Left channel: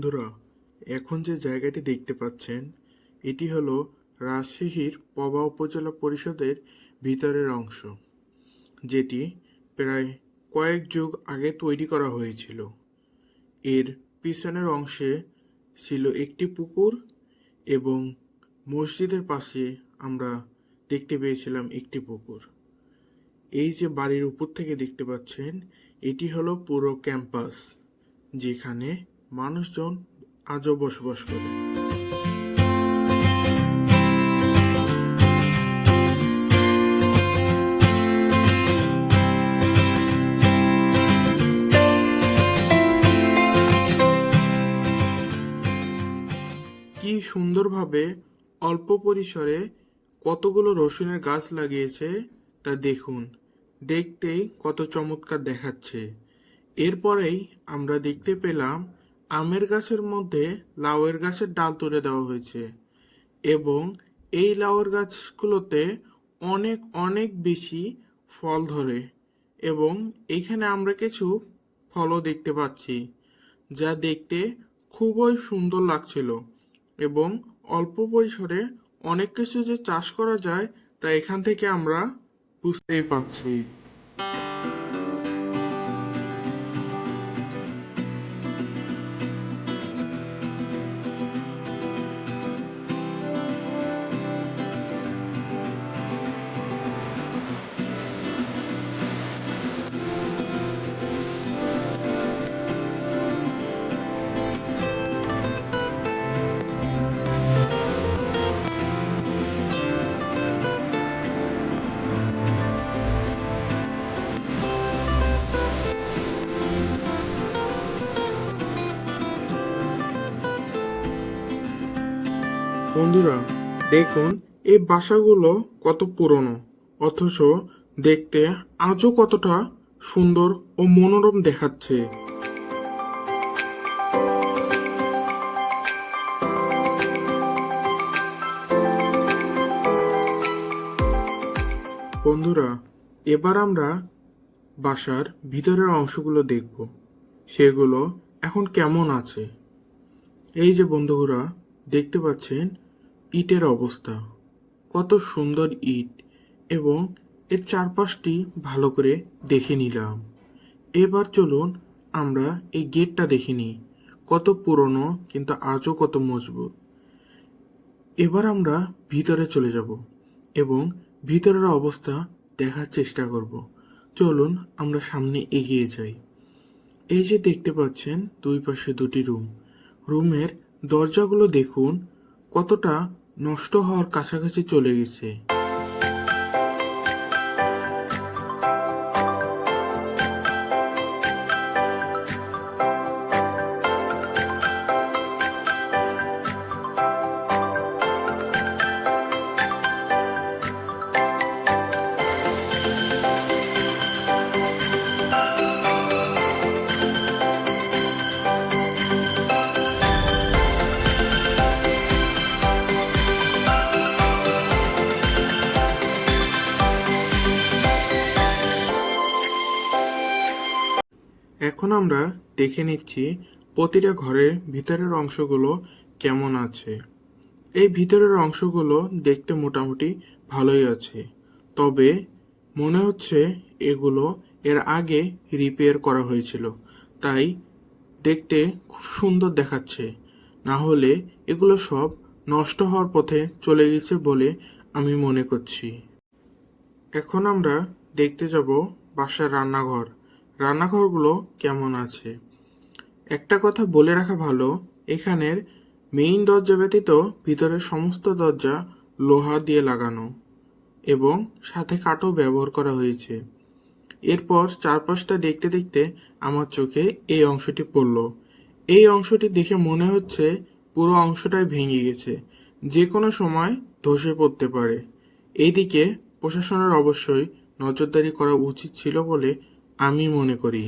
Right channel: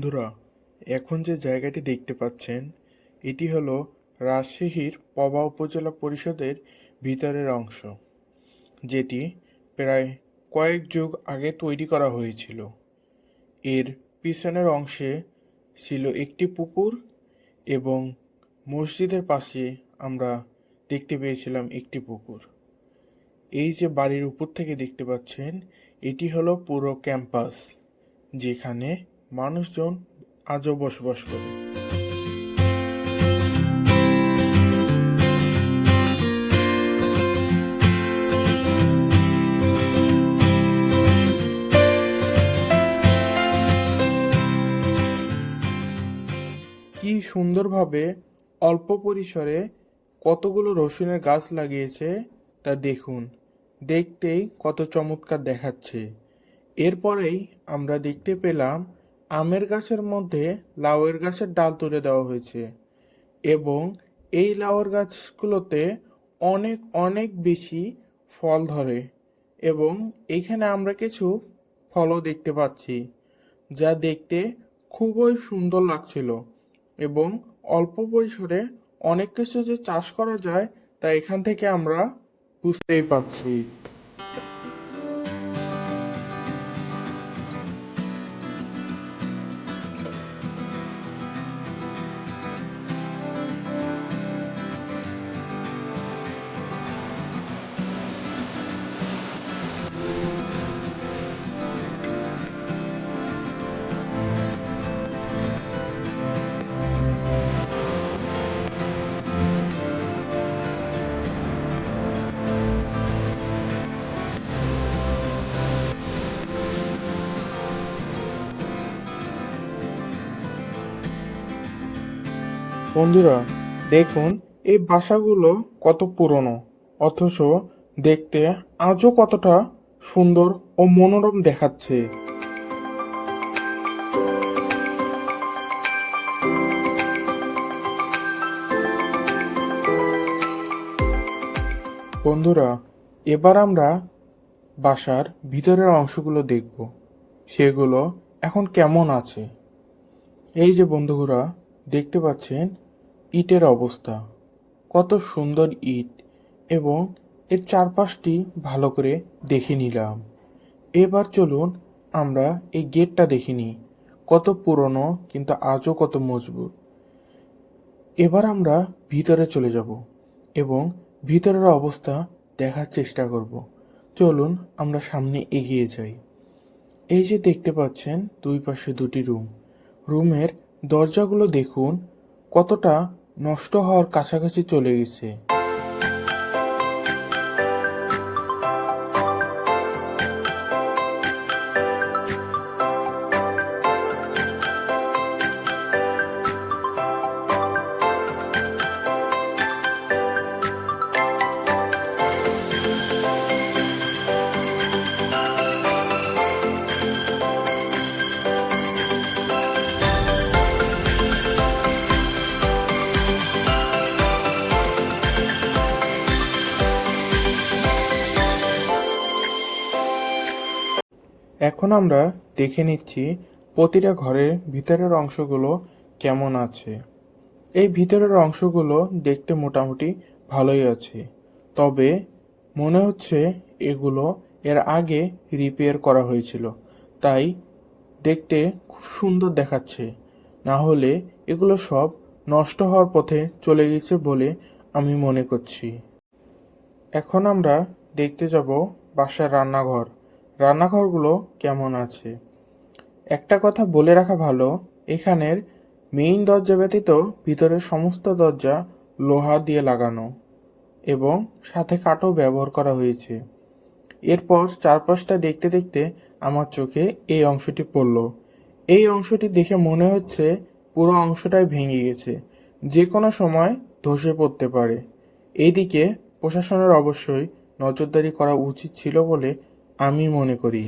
বন্ধুরা, এখন যে জায়গাটি দেখতে পাচ্ছেন, এটি হলো রাজশাহীর পবা উপজেলা পরিষদের ভিতরের অংশ, যেটি প্রায় কয়েক যুগ আগে তৈরি করা হয়েছিল। এর পিছনের অংশে ছিল একটি পুকুর এবং মসজিদের পাশে আমরা দেখতে পেয়েছিলাম একটি পুকুর। এই যে বাড়ির উপর থেকে দেখতে পাচ্ছেন, এটি হলো পুরো ক্যাম্পাস, যেখানে মানুষজন আজও বসবাস করে। কি সুন্দরভাবে অল্প পরিসরে কতগুলো রসুনের গাছ লাগিয়েছে তা দেখুন। দেখতেই কত চমৎকার দেখাচ্ছে। এরপরেই আমরা দেখতে পেলাম আমের গাছের মধ্যে লাউয়ের গাছের ডাল তুলে দেওয়া হয়েছে এবং এই লাউয়ের গাছগুলোতে অনেক অনেক বেশি ফল ধরে এবং এখানে আমরা কিছু ফলও দেখতে পাচ্ছি যা দেখতে খুবই সুন্দর লাগছিল এবং অল্প পরিসরে অনেক কিছু যে চাষ করা যায় তা এখান থেকে আমরা বুঝতেই পারছি। বন্ধুরা, দেখুন, এই বাসাগুলো কত পুরনো, অথচ দেখতে আজও কতটা সুন্দর ও মনোরম দেখাচ্ছে। বন্ধুরা, এবার আমরা বাসার ভিতরের অংশগুলো দেখব, সেগুলো এখন কেমন আছে। এই যে বন্ধুরা, দেখতে পাচ্ছেন ইটের অবস্থা। কত সুন্দর ইট এবং এর চারপাশটি ভালো করে দেখে নিলাম। এবার চলুন আমরা এই গেটটা দেখে নিই। কত পুরনো কিন্তু আজও কত মজবুত। এবার আমরা ভিতরে চলে যাব এবং ভিতরের অবস্থা দেখার চেষ্টা করব। চলুন আমরা সামনে এগিয়ে যাই। এই যে দেখতে পাচ্ছেন, দুই পাশে দুটি রুম। রুমের দরজাগুলো দেখুন কতটা নষ্ট হওয়ার কাছাকাছি চলে গেছে। এখন আমরা দেখে নিচ্ছি প্রতিটা ঘরের ভিতরের অংশগুলো কেমন আছে। এই ভিতরের অংশগুলো দেখতে মোটামুটি ভালোই আছে, তবে মনে হচ্ছে এগুলো এর আগে রিপেয়ার করা হয়েছিল, তাই দেখতে খুব সুন্দর দেখাচ্ছে। না হলে এগুলো সব নষ্ট হওয়ার পথে চলে গেছে বলে আমি মনে করছি। এখন আমরা দেখতে যাব বাসার রান্নাঘর। রান্নাঘরগুলো কেমন আছে? একটা কথা বলে রাখা ভালো, এখানের মেইন দরজা ব্যতীত ভিতরের সমস্ত দরজা লোহা দিয়ে লাগানো এবং সাথে কাঠও ব্যবহার করা হয়েছে। এরপর চারপাশটা দেখতে দেখতে আমার চোখে এই অংশটি পড়ল। এই অংশটি দেখে মনে হচ্ছে পুরো অংশটাই ভেঙে গেছে, যে কোনো সময় ধসে পড়তে পারে। এইদিকে প্রশাসনের অবশ্যই নজরদারি করা উচিত ছিল বলে আমি মনে করি।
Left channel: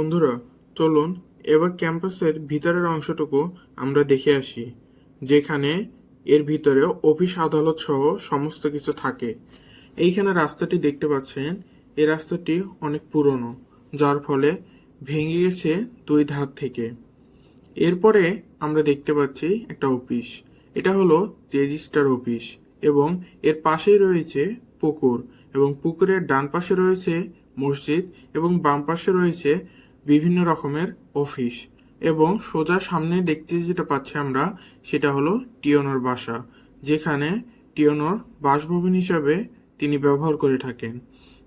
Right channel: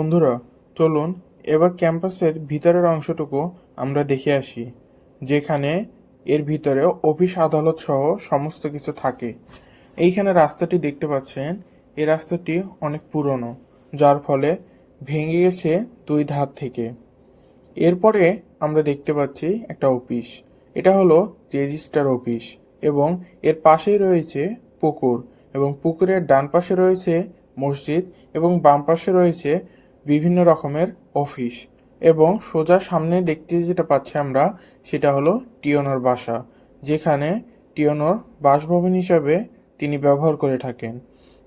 বন্ধুরা, চলুন এবার ক্যাম্পাসের ভিতরের অংশটুকু আমরা দেখে আসি, যেখানে এর ভিতরে অফিস আদালত সহ সমস্ত কিছু থাকে। এইখানে রাস্তাটি দেখতে পাচ্ছেন, এই রাস্তাটি অনেক পুরনো, যার ফলে ভেঙে গেছে দুই ধার থেকে। এরপরে আমরা দেখতে পাচ্ছি একটা অফিস, এটা হলো রেজিস্টার অফিস এবং এর পাশেই রয়েছে পুকুর এবং পুকুরের ডান পাশে রয়েছে মসজিদ এবং বাম পাশে রয়েছে বিভিন্ন রকমের অফিস এবং সোজা সামনে দেখতে যেটা পাচ্ছি আমরা, সেটা হলো টিয়নোর বাসা, যেখানে টিয়নোর বাসভবন হিসাবে তিনি ব্যবহার করে থাকেন।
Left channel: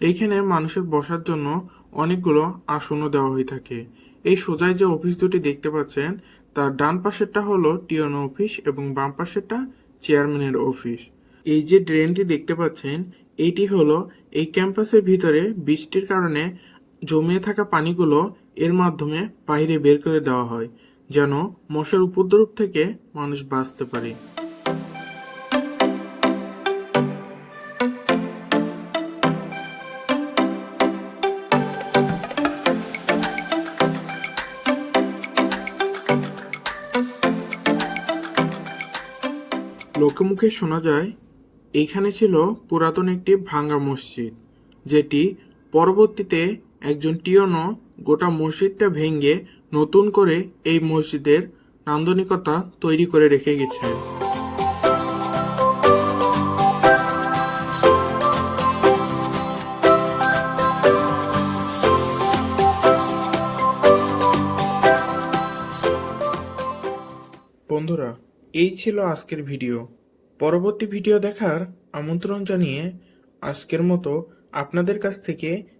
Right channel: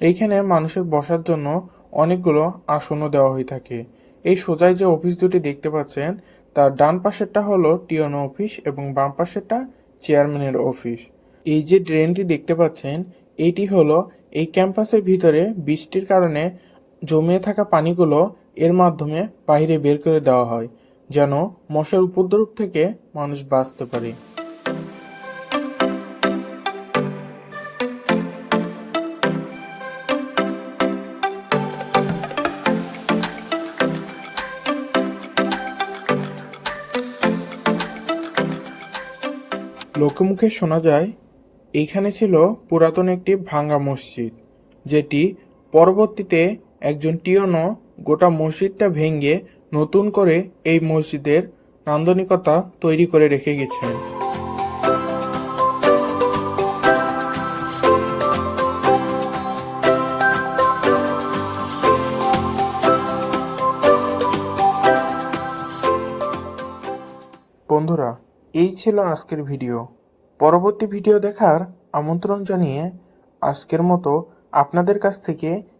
এইখানে মানুষের বসার জন্য অনেকগুলো আসনও দেওয়া হয়ে থাকে। এই সোজায় যে অফিস দুটি দেখতে পাচ্ছেন, তার ডান পাশেরটা হলো টিওনো অফিস এবং বাম পাশেরটা চেয়ারম্যানের অফিস। এই যে ড্রেনটি দেখতে পাচ্ছেন, এইটি হলো এই ক্যাম্পাসের ভিতরে বৃষ্টির কারণে জমিয়ে থাকা পানিগুলো এর মাধ্যমে বাইরে বের করে দেওয়া হয়, যেন মশার উপদ্রব থেকে মানুষ বাঁচতে পারে। লোকমুখে শোনা যায়, এইখানে ছিল পুরাতন একটি ভাঙ্গা মসজিদ, যেটি পরবর্তীতে একজন টিয়নো গোটা মসজিদটা ভেঙে নতুন করে এই মসজিদের নান্দনিকতা তৈরি করে রেখে গেছেন। বন্ধুরা, এই ছিল আজকের ভিডিও। পরবর্তী ভিডিও দেখার আমন্ত্রণ জানিয়ে আজকের মতো আপনাদের কাছ থেকে